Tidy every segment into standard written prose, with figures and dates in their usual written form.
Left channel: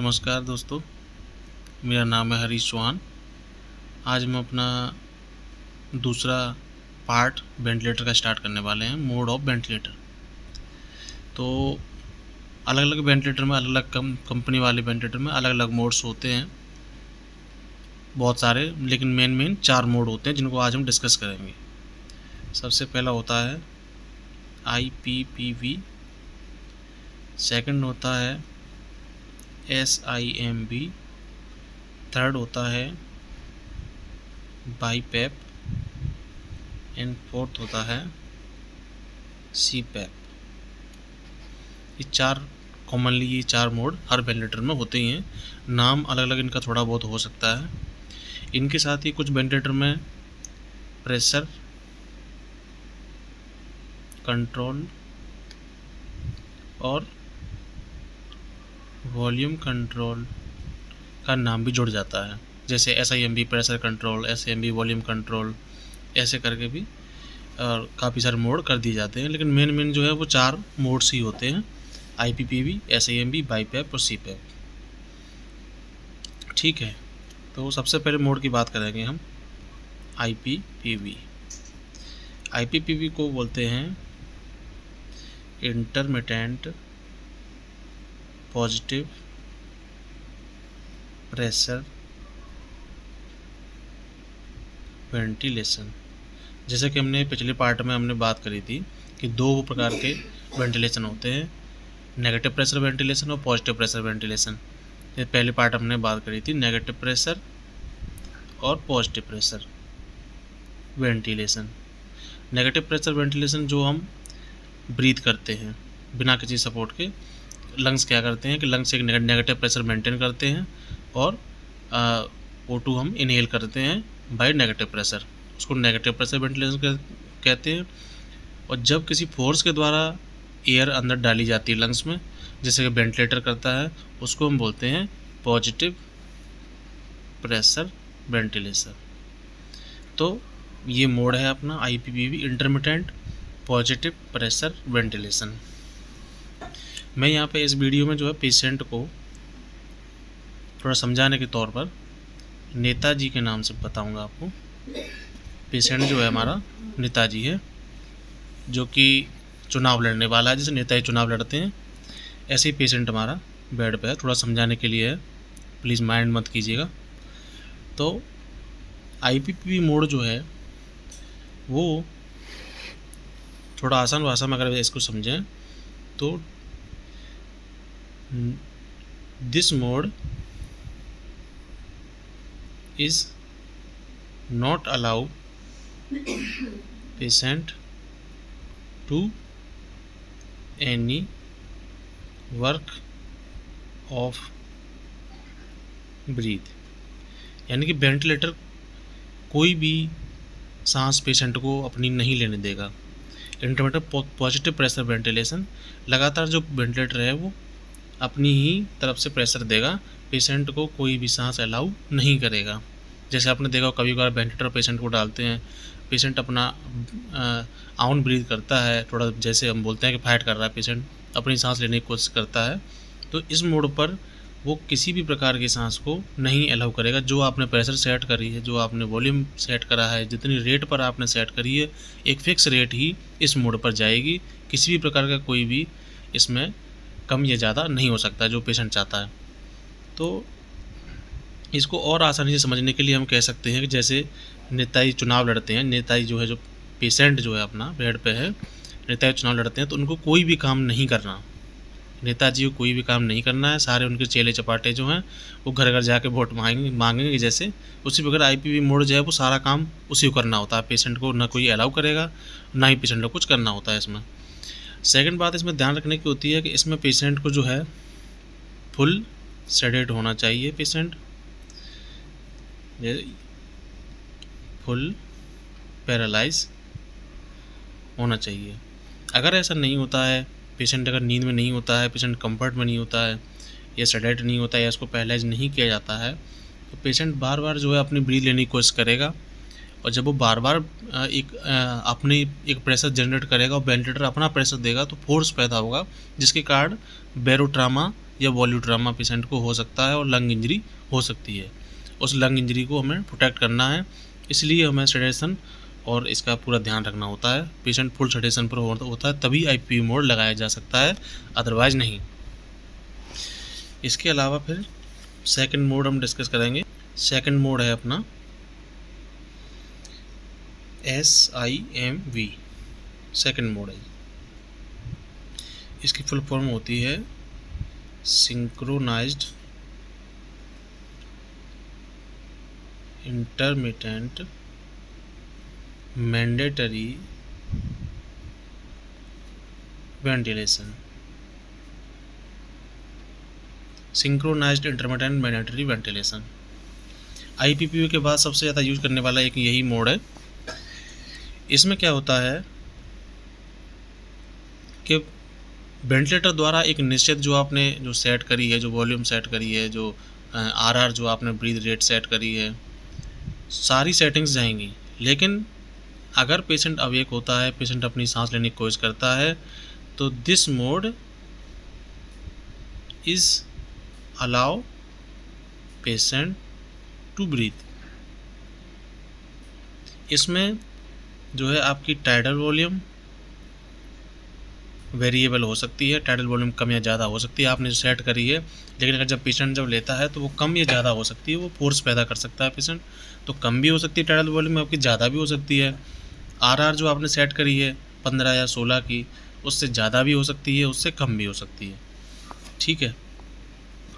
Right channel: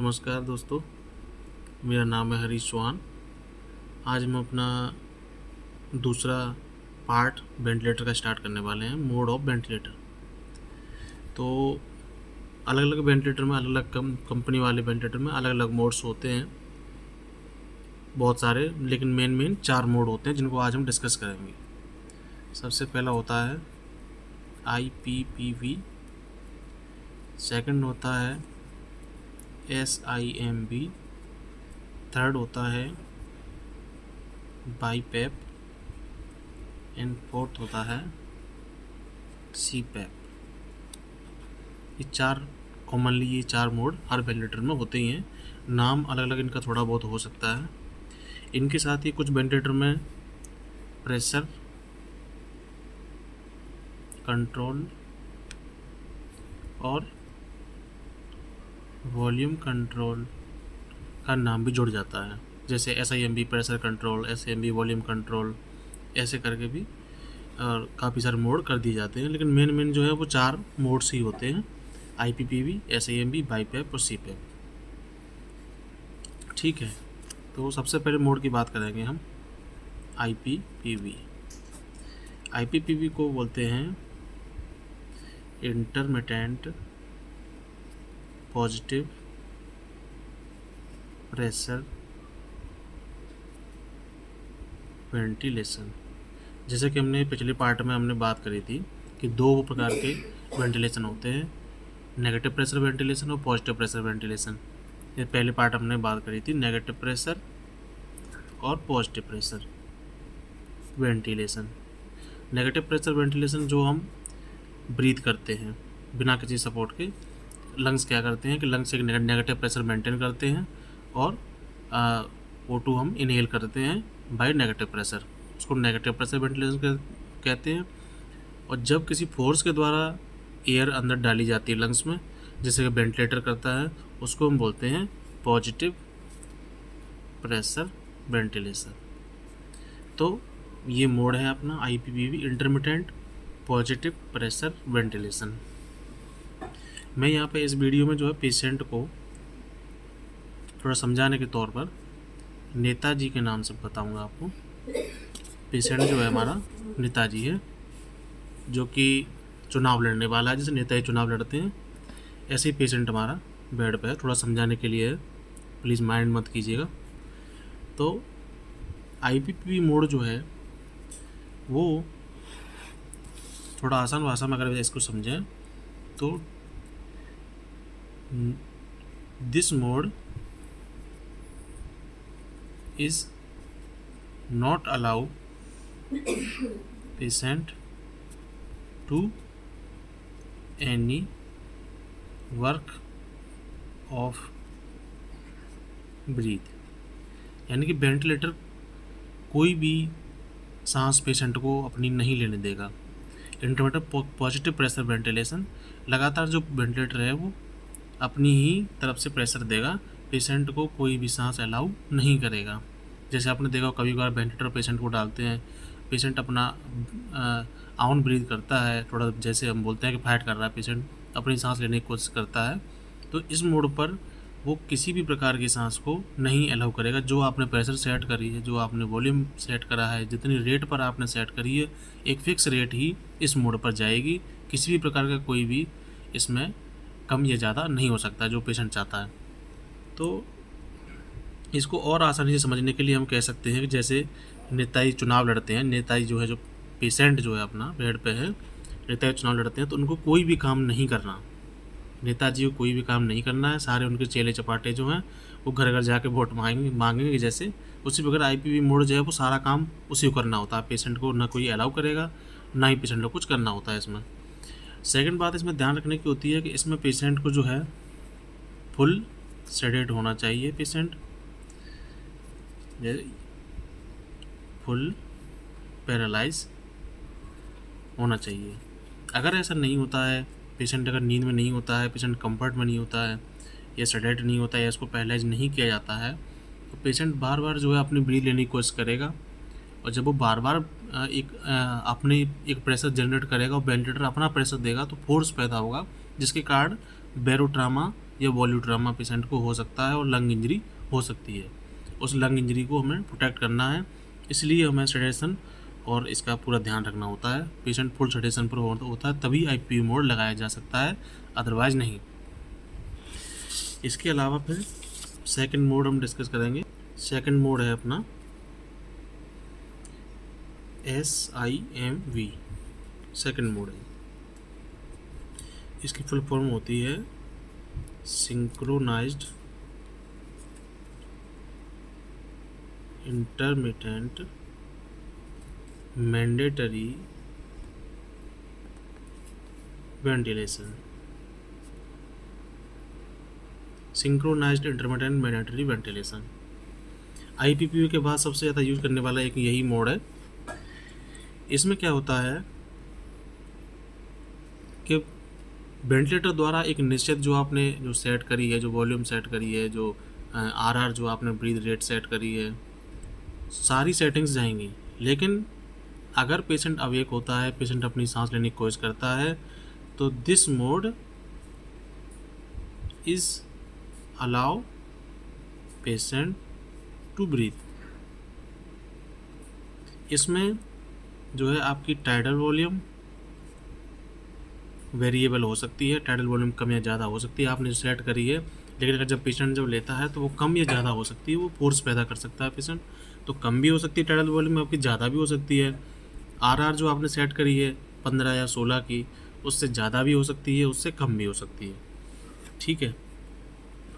नमस्कार दोस्तों, मेरा नाम है हरीश चौहान। आज हम अपना दूसरा पार्ट वेंटिलेटर का स्टार्ट करने वाले हैं, मोड ऑफ वेंटिलेटर। तो अलग अलग वेंटिलेटर में, अलग अलग कंपनी वाले वेंटिलेटर में अलग अलग मोड्स होते हैं, बहुत सारे, लेकिन मेन 4 मोड होते हैं जिनको आज हम डिस्कस करेंगे। सबसे पहला होता है IPPV, सेकंड होता है SIMB, थर्ड होता है BiPAP एंड फोर्थ होता है CPAP। ये चार मोड हर वेंटिलेटर में होते ही हैं। नाम अलग अलग इनका थोड़ा बहुत हो सकता है। इनके साथ ही कुछ वेंटिलेटर में प्रेशर कंट्रोल और वॉल्यूम कंट्रोल का नाम भी जुड़ जाता है, जैसे SIMB pressure control, SIMB volume control, ऐसे करके भी और काफ़ी सारे मोड कर दिए जाते हैं। लेकिन मेन जो है वो 4 मोड्स ही होते हैं, IPPV, SIMB, BiPAP और CPAP। ठीक है, तो सबसे पहले मोड की बात करेंगे हम IPPV। IPPV को बोलते हैं इंटरमिटेंट पॉजिटिव प्रेशर वेंटिलेशन। जैसे कि हमने पिछले पार्ट में हमने बात करी थी कि 2 प्रकार के वेंटिलेशन होते हैं, नेगेटिव प्रेशर वेंटिलेशन और पॉजिटिव प्रेशर वेंटिलेशन। ये पहले पार्ट हमने बात करी थी, नेगेटिव प्रेशर और positive pressure ventilation. Negative pressure ventilation जो हम ब्रीथ करते हैं बिना किसी सपोर्ट के, लंग्स क्या करते हैं कि लंग्स एक नेगेटिव प्रेशर मेंटेन करते हैं और O2 हम इनहेल करते हैं बाय नेगेटिव प्रेशर, उसको नेगेटिव प्रेशर वेंटिलेशन कहते हैं। और जब किसी फोर्स के द्वारा एयर अंदर डाली जाती है लंग्स में, जैसे कि वेंटिलेटर करता है, उसको हम बोलते हैं पॉजिटिव प्रेशर वेंटिलेशन। तो ये मोड है अपना IPPV, intermittent positive pressure ventilation. मैं यहाँ पे इस वीडियो में जो है पेशेंट को थोड़ा समझाने के तौर पर नेताजी के नाम से बताऊंगा आपको। पेशेंट जो है हमारा नेताजी है, जो कि चुनाव लड़ने वाला है, जैसे नेताजी चुनाव लड़ते हैं, ऐसे ही पेशेंट हमारा बेड पे है। थोड़ा समझाने के लिए है, प्लीज़ माइंड मत कीजिएगा। तो IPPV मोड जो है वो थोड़ा आसान भाषा में अगर इसको समझें तो this mode is not allow patient to any work of breathe। यानी कि वेंटिलेटर कोई भी सांस पेशेंट को अपनी नहीं लेने देगा। इंटरमिटेंट पॉजिटिव प्रेशर वेंटिलेशन, लगातार जो वेंटिलेटर है वो अपनी ही तरफ से प्रेशर देगा, पेशेंट को कोई भी सांस अलाउ नहीं करेगा। जैसे आपने देखा कभी कभार वेंटिलेटर पेशेंट को डालते हैं, पेशेंट अपना आउन ब्रीथ करता है, थोड़ा जैसे हम बोलते हैं कि फाइट कर रहा है, पेशेंट अपनी सांस लेने की कोशिश करता है, तो इस मोड पर वो किसी भी प्रकार की सांस को नहीं अलाउ करेगा। जो आपने प्रेशर सेट करी है, जो आपने वॉल्यूम सेट करा है, जितनी रेट पर आपने सेट करी है, एक फिक्स रेट ही इस मोड पर जाएगी। किसी भी प्रकार का कोई भी इसमें कम या ज़्यादा नहीं हो सकता जो पेशेंट चाहता है। तो इसको और आसानी से समझने के लिए हम कह सकते हैं कि जैसे नेताजी चुनाव लड़ते हैं, नेताजी जो है, जो पेशेंट जो है अपना बेड पे है, नेताजी चुनाव लड़ते हैं, तो उनको कोई भी काम नहीं करना, नेताजी को कोई भी काम नहीं करना है। सारे उनके चेले चपाटे जो हैं वो घर घर जाके वोट मांगेंगे जैसे, उसी प्रकार IPPV मोड जो है वो सारा काम उसी को करना होता है। पेशेंट को ना कोई अलाउ करेगा, ना ही पेशेंट को कुछ करना होता है इसमें। सेकंड बात इसमें ध्यान रखने की होती है कि इसमें पेशेंट को जो है फुल सेडेट होना चाहिए, पेशेंट फुल पैरालाइज होना चाहिए। अगर ऐसा नहीं होता है, पेशेंट अगर नींद में नहीं होता है, पेशेंट कंफर्ट में नहीं होता है, या सेडेट नहीं होता है, या इसको पैरालाइज नहीं किया जाता है, तो पेशेंट बार बार जो है अपनी ब्रीथ लेने की कोशिश करेगा। और जब वो बार बार अपने एक प्रेशर जनरेट करेगा और वेंटिलेटर अपना प्रेशर देगा, तो फोर्स पैदा होगा, जिसके कारण बेरोट्रामा या वॉल्यूट्रामा पेशेंट को हो सकता है और लंग इंजरी हो सकती है। उस लंग इंजरी को हमें प्रोटेक्ट करना है, इसलिए हमें सेडेशन और इसका पूरा ध्यान रखना होता है। पेशेंट फुल सेडेशन पर होता है तभी IPV मोड लगाया जा सकता है, अदरवाइज नहीं। इसके अलावा फिर सेकंड मोड हम डिस्कस करेंगे। सेकंड मोड है अपना SIMV, सेकंड मोड है। इसकी फुल फॉर्म होती है synchronised intermittent mandatory ventilation. Synchronised intermittent mandatory ventilation IPPV के बाद सबसे ज़्यादा यूज करने वाला एक यही मोड है। इसमें क्या होता है कि वेंटिलेटर द्वारा एक निश्चित जो आपने जो सेट करी है, जो वॉल्यूम सेट करी है, जो RR जो आपने ब्रीथ रेट सेट करी है, सारी सेटिंग्स जाएंगी। लेकिन अगर पेशेंट अवेक होता है, पेशेंट अपनी सांस लेने की कोशिश करता है, तो this mode is allow patient to breathe. इसमें जो है आपकी टाइडल वॉल्यूम वेरिएबल हो सकती है, टाइडल वॉल्यूम कम या ज़्यादा हो सकती है, आपने जो सेट करी है। लेकिन अगर जब पेशेंट जब लेता है तो वो कम या ज़्यादा हो सकती है, वो फोर्स पैदा कर सकता है पेशेंट, तो कम भी हो सकती है टाइडल वॉल्यूम आपकी, ज़्यादा भी हो सकती है। RR जो आपने सेट करी है 15 या 16 की, उससे ज़्यादा भी हो सकती है, उससे कम भी हो सकती है। ठीक है,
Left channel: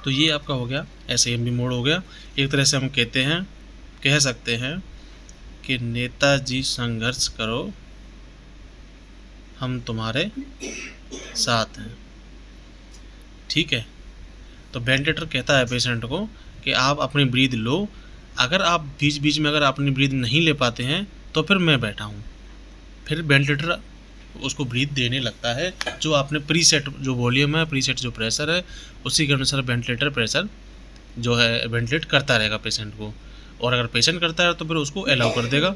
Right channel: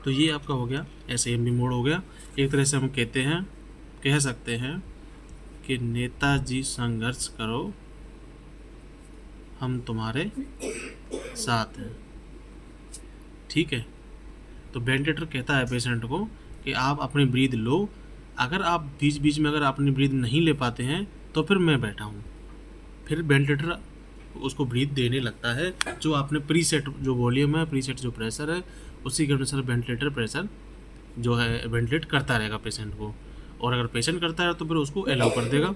तो ये आपका हो गया SIMV मोड हो गया। एक तरह से हम कह सकते हैं कि नेताजी संघर्ष करो, हम तुम्हारे साथ हैं। ठीक है, तो वेंटिलेटर कहता है पेशेंट को कि आप अपनी ब्रीथ लो, अगर आप बीच बीच में अगर अपनी ब्रीथ नहीं ले पाते हैं तो फिर मैं बैठा हूँ। फिर वेंटिलेटर उसको ब्रीथ देने लगता है, जो आपने प्रीसेट जो वॉल्यूम है, प्रीसेट जो प्रेशर है, उसी के अनुसार वेंटिलेटर प्रेशर जो है वेंटिलेट करता रहेगा पेशेंट को। और अगर पेशेंट करता है तो फिर उसको अलाउ कर देगा।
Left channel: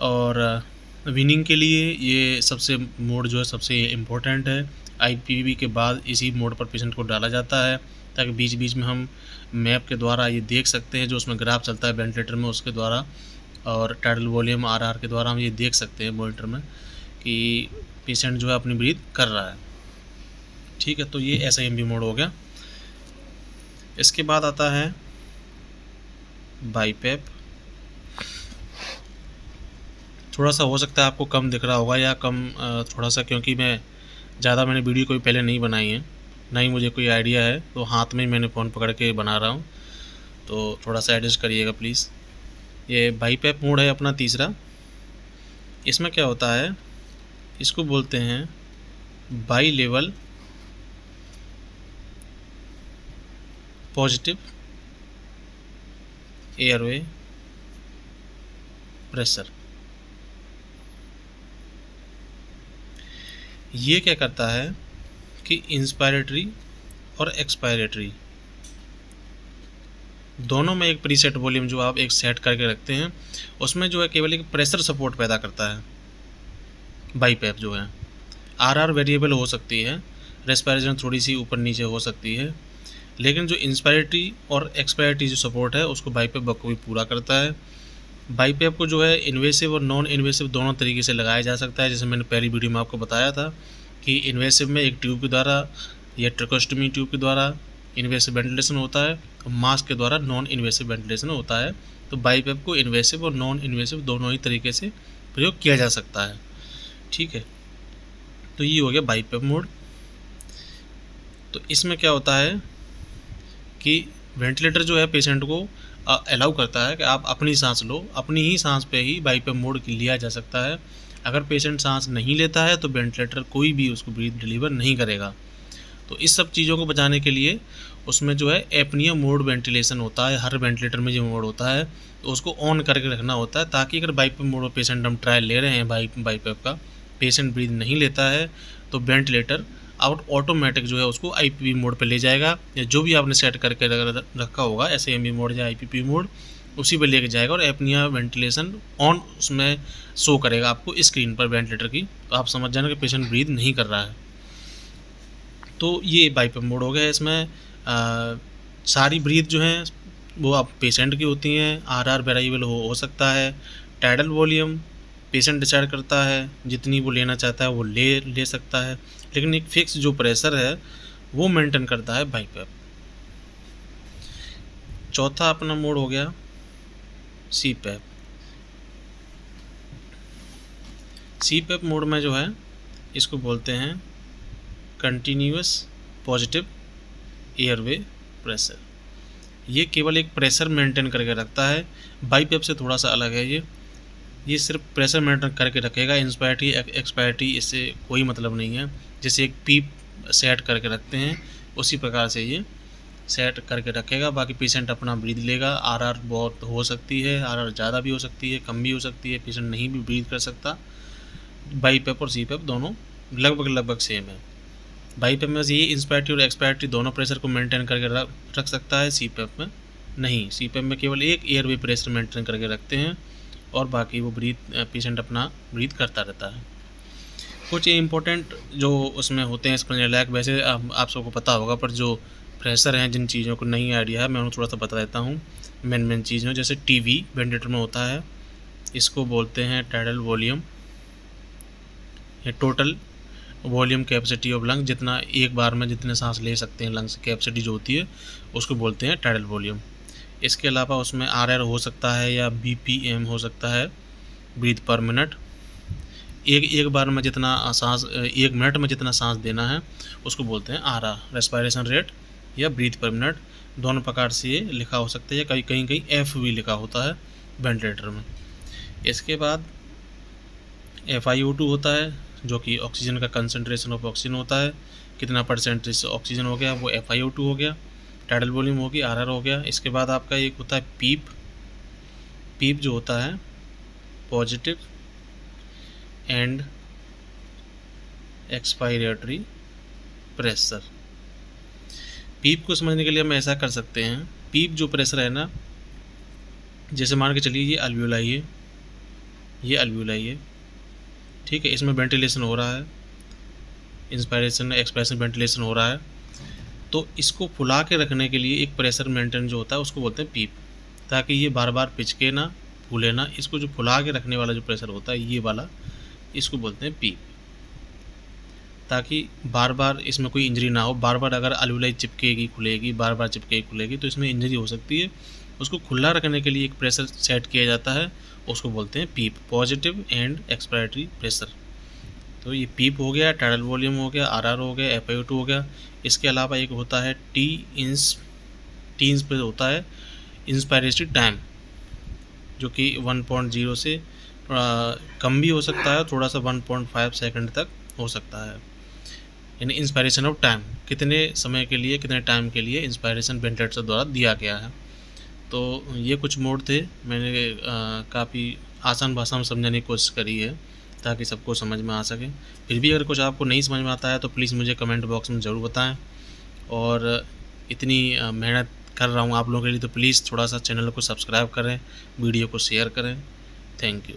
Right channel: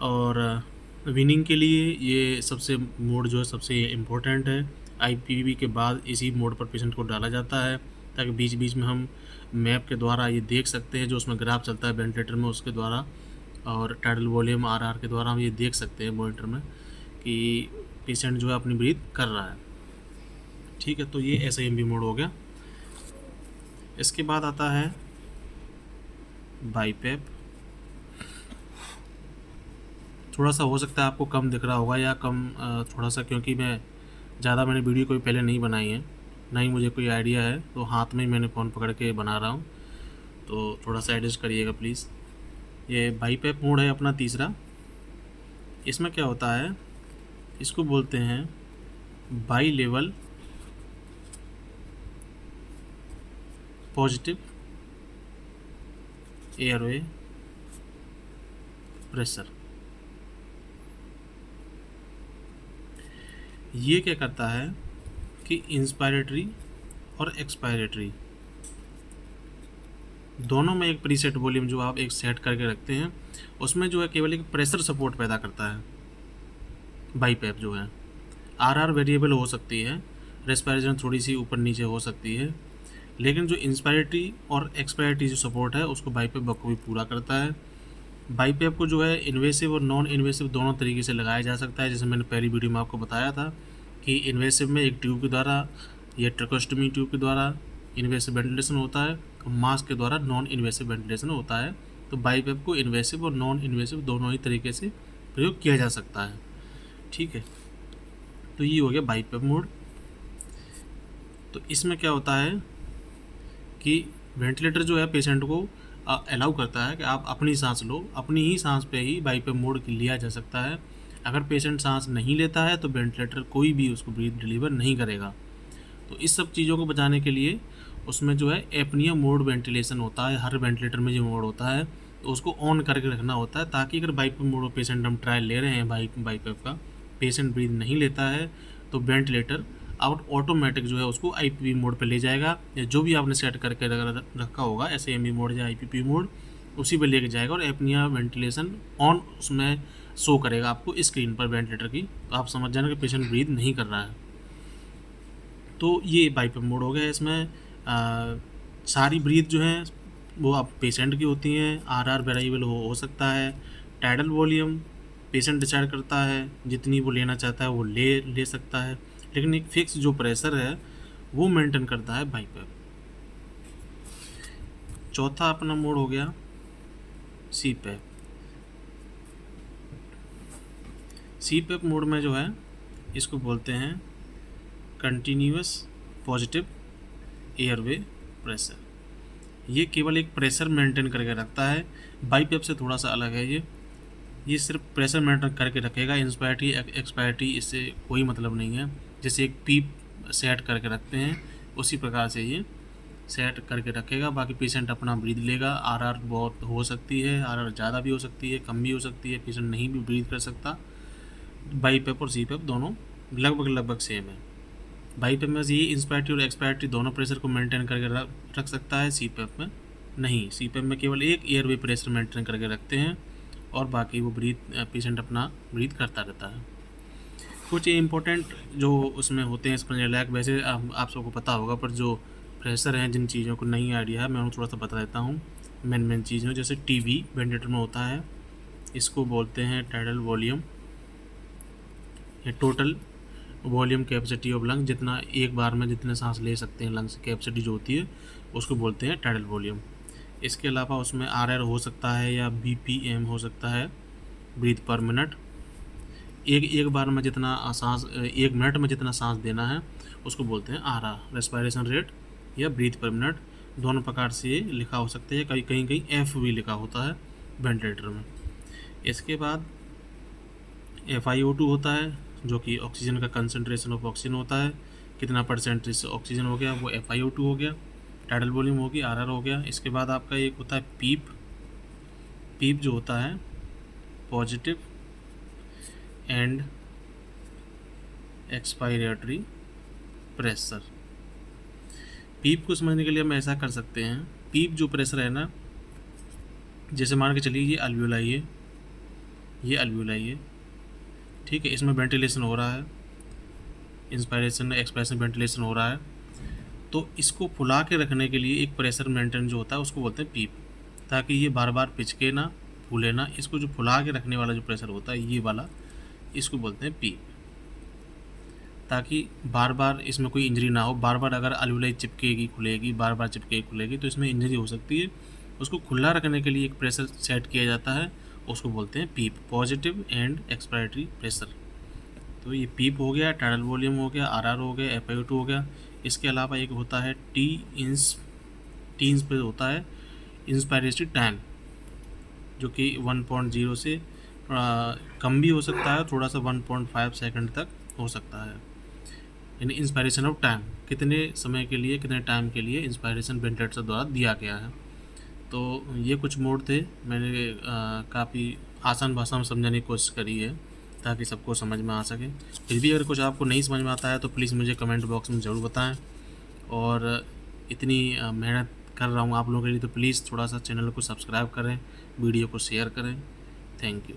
और विनिंग के लिए ये सबसे मोड जो है सबसे इम्पोर्टेंट है। IPV के बाद इसी मोड पर पेशेंट को डाला जाता है, ताकि बीच बीच में हम मैप के द्वारा ये देख सकते हैं, जो उसमें ग्राफ चलता है वेंटिलेटर में उसके द्वारा, और टाइडल वॉल्यूम RR के द्वारा हम ये देख सकते हैं मॉनिटर में कि पेशेंट जो है अपनी ब्रीथ कर रहा है। ठीक है, तो ये SIMV मोड हो गया। इसके बाद आता है BiPAP। थोड़ा सा हो सकता है आपको कम दिख रहा होगा या कम थोड़ा सा, क्योंकि मैंने वीडियो कोई पहले नहीं बनाई है, ना ही मुझे कोई आइडिया है, तो हाथ में ही मैंने फ़ोन पकड़ के बना रहा हूँ, तो थोड़ा सा एडजस्ट करिएगा प्लीज़। ये BiPAP मोड है अपना तीसरा। इसमें क्या होता है, इसको बोलते हैं by level positive airway pressure. ये क्या करता है कि इंस्पायरेटरी और एक्सपायरेटरी दोनों में एक प्रीसेट वॉल्यूम जो आप एक सेट करके रखते हैं, उसमें जो है केवल एक प्रेशर सपोर्ट पैदा करता है। BiPAP जो है RR वेरिएबल हो सकती है, रेस्पिरेशन थोड़ी सी ऊपर नीचे हो सकती है, लेकिन जो इंस्पायरेटरी और एक्सपायरेटरी जो सपोर्ट है उसको BiPAP बखूबी पूरा करता है। BiPAP को जो है इन्वेसिव और नॉन इन्वेसिव दोनों तरीके से लगाया जा सकता है। जैसे मैंने पहली वीडियो में आपको बताया था कि इन्वेसिव में एक ट्यूब के द्वारा या ट्रैकोस्टमी ट्यूब के द्वारा इन्वेसिव वेंटिलेशन होता है, और मास्क के द्वारा नॉन इन्वेसिव वेंटिलेशन होता है। तो BiPAP को इन्वेसिव और नॉन इन्वेसिव दोनों ही तरीके से प्रयोग किया जा सकता है। ठीक है, तो ये हो गया BiPAP मोड। तो इसमें क्या होता है कि वेंटिलेटर जो है पेशेंट को अलाउ करता है कि आप अपनी सांस लो, अपनी ही सांस पे ही BiPAP मोड लिया जा सकता है। अगर पेशेंट सांस नहीं लेता है तो वेंटिलेटर कोई भी उसको ब्रीथ डिलीवर नहीं करेगा। तो इस सब चीज़ों को बचाने के लिए उसमें जो है एपनिया मोड वेंटिलेशन होता है। हर वेंटिलेटर में जो मोड होता है तो उसको ऑन करके रखना होता है, ताकि अगर BiPAP मोड में पेशेंट हम ट्रायल ले रहे हैं BiPAP का, पेशेंट ब्रीथ नहीं लेता है तो वेंटिलेटर ऑटोमेटिक जो है उसको IPV मोड पे ले जाएगा, या जो भी आपने सेट करके रखा होगा SIMV मोड या IPV मोड, उसी पे लेके जाएगा और एपनिया वेंटिलेशन ऑन उसमें शो करेगा आपको स्क्रीन पर वेंटिलेटर की। तो आप समझ जाना कि पेशेंट ब्रीथ नहीं कर रहा है। तो ये बाईपैप मोड हो गया। इसमें सारी ब्रीथ जो हैं वो आप पेशेंट की होती हैं। आरआर वेरिएबल हो सकता है। टाइडल वॉल्यूम पेशेंट डिसाइड करता है, जितनी वो लेना चाहता है वो ले सकता है, लेकिन एक फिक्स जो प्रेशर है वो मेंटेन करता है बाईपैप। चौथा अपना मोड हो गया सीपैप। सीपैप मोड में जो है इसको बोलते हैं कंटिन्यूअस पॉजिटिव एयरवे प्रेशर। ये केवल एक प्रेशर मेंटेन करके रखता है। बाईपैप से थोड़ा सा अलग है। ये सिर्फ प्रेशर मेंटेन करके रखेगा। इंस्पायरिटी एक्सपायरिटी इससे कोई मतलब नहीं है। जैसे एक पीप सेट करके रखते हैं उसी प्रकार से ये सेट करके रखेगा। बाकी पेशेंट अपना ब्रीथ लेगा। आरआर बहुत हो सकती है, आरआर ज़्यादा भी हो सकती है, कम भी हो सकती है, पेशेंट नहीं भी ब्रीथ कर सकता। बाईपैप और सीपैप दोनों लगभग सेम है। बाईपैप में ये इंस्पायरिटी और एक्सपायरिटी दोनों प्रेशर को मेंटेन करके रख सकता है, सीपैप में नहीं। सीपैप में केवल एक एयरवे प्रेशर मेंटेन करके रखते हैं और बाकी वो पेशेंट अपना ब्रीथ करता रहता है। कुछ इम्पोर्टेंट जो उसमें होते हैं समझने लायक, वैसे आप सबको पता होगा, पर जो प्रेशर हैं जिन चीज़ों को नहीं आइडिया है मैं उन्हें थोड़ा सा बता देता हूँ। मेन चीज़ जैसे टीवी वेंटिलेटर में होता है, इसको बोलते हैं टाइडल वॉल्यूम या total volume capacity of lung. जितना एक बार में जितने सांस ले सकते हैं लंग्स कैपेसिटी जो होती है उसको बोलते हैं टाइडल वॉल्यूम। इसके अलावा उसमें आरआर हो सकता है या बीपीएम हो सकता है, ब्रीथ पर मिनट। एक बार में जितना सांस, 1 मिनट में जितना सांस देना है उसको बोलते हैं आरआर, रेस्पिरेशन रेट या ब्रीथ पर मिनट। दोनों प्रकार से ये लिखा हो सकता है। कहीं एफ भी लिखा होता है वेंटिलेटर में। इसके बाद FiO2 होता है जो कि ऑक्सीजन का कंसनट्रेशन ऑफ ऑक्सीजन होता है। कितना परसेंटेज ऑक्सीजन हो गया वो FiO2 हो गया। टाइडल वॉल्यूम होगी, आरआर हो गया। इसके बाद आपका एक होता है पीप जो होता है पॉजिटिव एंड एक्सपायरेटरी प्रेशर। पीप को समझने के लिए हम ऐसा कर सकते हैं, पीप जो प्रेशर है ना, जैसे मान के चलिए ये अल्वियोलाई है, ये अल्वियोलाई है, ठीक है। इसमें वेंटिलेशन हो रहा है, इंस्पायरेशन एक्सपायरेशन वेंटिलेशन हो रहा है। तो इसको फुला के रखने के लिए एक प्रेशर मेंटेन जो होता है उसको बोलते हैं पीप, ताकि ये बार बार पिचके ना, फूले ना। इसको जो फुला के रखने वाला जो प्रेशर होता है ये वाला, इसको बोलते हैं पीप, ताकि बार बार इसमें कोई इंजरी ना हो। बार बार अगर अल्वियोलाई चिपकेगी खुलेगी, बार बार चिपकेगी खुलेगी तो इसमें इंजरी हो सकती है। उसको खुला रखने के लिए एक प्रेशर सेट किया जाता है, उसको बोलते हैं पीप, पॉजिटिव एंड एक्सपायरेटरी प्रेशर। तो ये पीप हो गया, टाइडल वॉल्यूम हो गया, आरआर हो गया, FiO2 हो गया। इसके अलावा एक होता है टी इंस पे होता है इंस्पायरेटरी टाइम, जो कि 1.0 से कम भी हो सकता है, थोड़ा सा 1.5 सेकंड तक हो सकता है। यानी इंस्पायरेशन ऑफ टाइम, कितने समय के लिए, कितने टाइम के लिए इंस्पायरेशन वेंटिलेटर द्वारा दिया गया है। तो ये कुछ मोड थे। मैंने काफ़ी आसान भाषा में समझाने की कोशिश करी है ताकि सबको समझ में आ सके। फिर भी अगर कुछ आपको नहीं समझ में आता है तो प्लीज़ मुझे कमेंट बॉक्स में ज़रूर बताएं। और इतनी मेहनत कर रहा हूँ आप लोगों के लिए, तो प्लीज़ थोड़ा सा चैनल को सब्सक्राइब करें, वीडियो को शेयर करें। Thank you.